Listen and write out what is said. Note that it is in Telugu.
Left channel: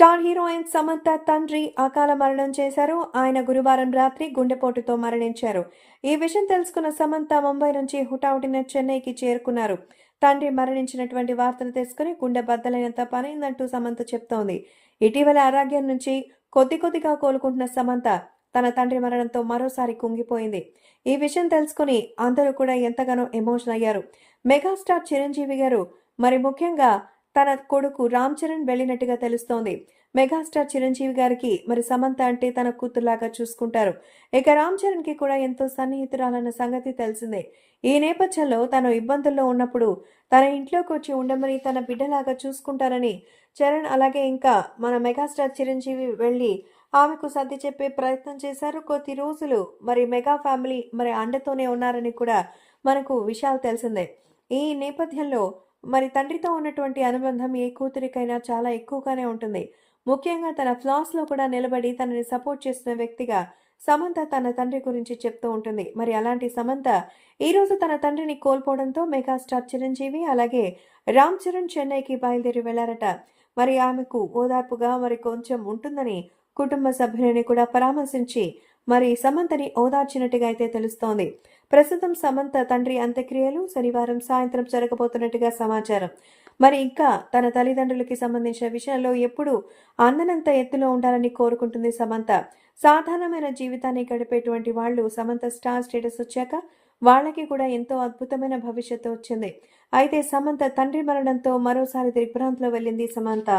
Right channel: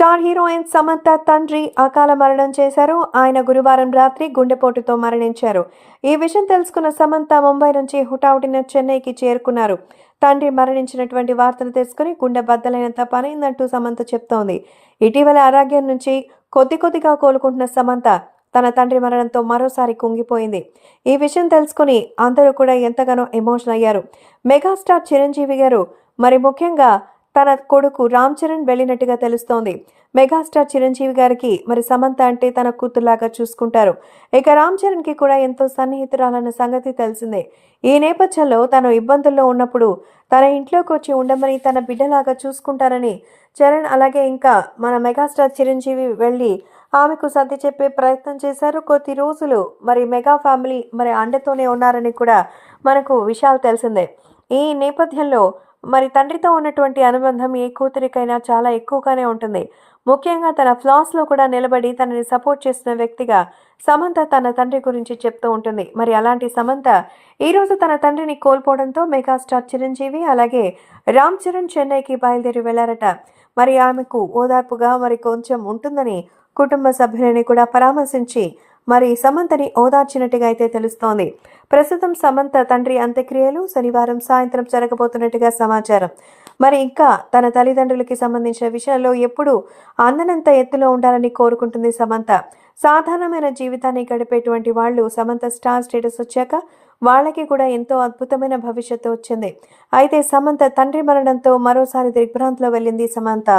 స్టార్ హీరోయిన్ సమంత తండ్రి అకాల మరణం చేశారు. ఆయన గురువారం రాత్రి గుండెపోటుతో మరణించారు. ఈ విషయం తెలుసుకున్న సమంత ముంబై నుంచి హుటాహుటిన చెన్నైకి చేరుకున్నారు. తండ్రి మరణించినటువంటి వార్తలు తెలుసుకుని గుండె బద్దలైనంత పనైందంటూ సమంత చెప్తోంది. ఇటీవల ఆరోగ్యం నుంచి కొద్దిగా కోలుకుంటున్న సమంత తన తండ్రి మరణంతో మరోసారి కుంగిపోయింది. ఈ విషయం తెలుసుకుని అందరూ కూడా ఎంతగానో ఎమోషనల్ అయ్యారు. మెగాస్టార్ చిరంజీవి గారు మరి ముఖ్యంగా తన కొడుకు రామ్ చరణ్ వెళ్ళినట్టుగా తెలుస్తోంది. మెగాస్టార్ చిరంజీవి గారికి మరి సమంత అంటే తన కూతురులాగా చూసుకుంటారు. ఇక రామ్ చరణ్ కి కూడా ఎంతో సన్నిహితురాలన్న సంగతి తెలిసిందే. ఈ నేపథ్యంలో తను ఇబ్బందుల్లో ఉన్నప్పుడు తన ఇంట్లోకి వచ్చి ఉండమని తన బిడ్డలాగా చూసుకుంటారని చరణ్ అలాగే ఇంకా మన మెగాస్టార్ చిరంజీవి వెళ్ళి ఆమెకు సర్ది చెప్పే ప్రయత్నం చేశారు. కొద్ది రోజులు మరి మెగా ఫ్యామిలీ మరి అండతోనే ఉన్నారని కూడా మనకు విషయాలు తెలిసిందే. ఈ నేపథ్యంలో మరి తండ్రితో ఉన్నటువంటి అనుబంధం ఏ కూతురికైనా చాలా ఎక్కువగానే ఉంటుంది. ముఖ్యంగా తన ఫ్లాస్లో కూడా నిలబడి తనని సపోర్ట్ చేస్తున్న వ్యక్తిగా సమంత తన తండ్రి గురించి చెప్తూ ఉంటుంది. మరి అలాంటి సమంత ఈరోజు తన తండ్రిని కోల్పోవడంతో మెగాస్టార్ చిరంజీవి అలాగే రామ్ చరణ్ చెన్నైకి బయలుదేరి వెళ్లారట. మరి ఆమెకు ఓదార్పుగా మరి కొంచెం ఉంటుందని కుటుంబ సభ్యులని కూడా పరామర్శించి మరి సమంతని ఓదార్చినట్టుగా అయితే తెలుస్తోంది. ప్రస్తుతం సమంత తండ్రి అంత్యక్రియలు శనివారం సాయంత్రం జరగబోతున్నట్టుగా సమాచారం. మరి ఇంకా తన తల్లిదండ్రులకి సంబంధించిన విషయాల్లో ఎప్పుడూ అందనంత ఎత్తులో ఉండాలని కోరుకుంటుంది సమంత. సాధారణమైన జీవితాన్ని గడిపేటువంటి వాళ్ళు సమంత స్టార్ స్టేటస్ వచ్చాక వాళ్ళకి కూడా ఎంతో అద్భుతమైన భవిష్యత్తు వచ్చింది. అయితే సమంత తండ్రి మరణంతో మరోసారి దిగ్భ్రాంతిలో వెళ్ళింది సమంత.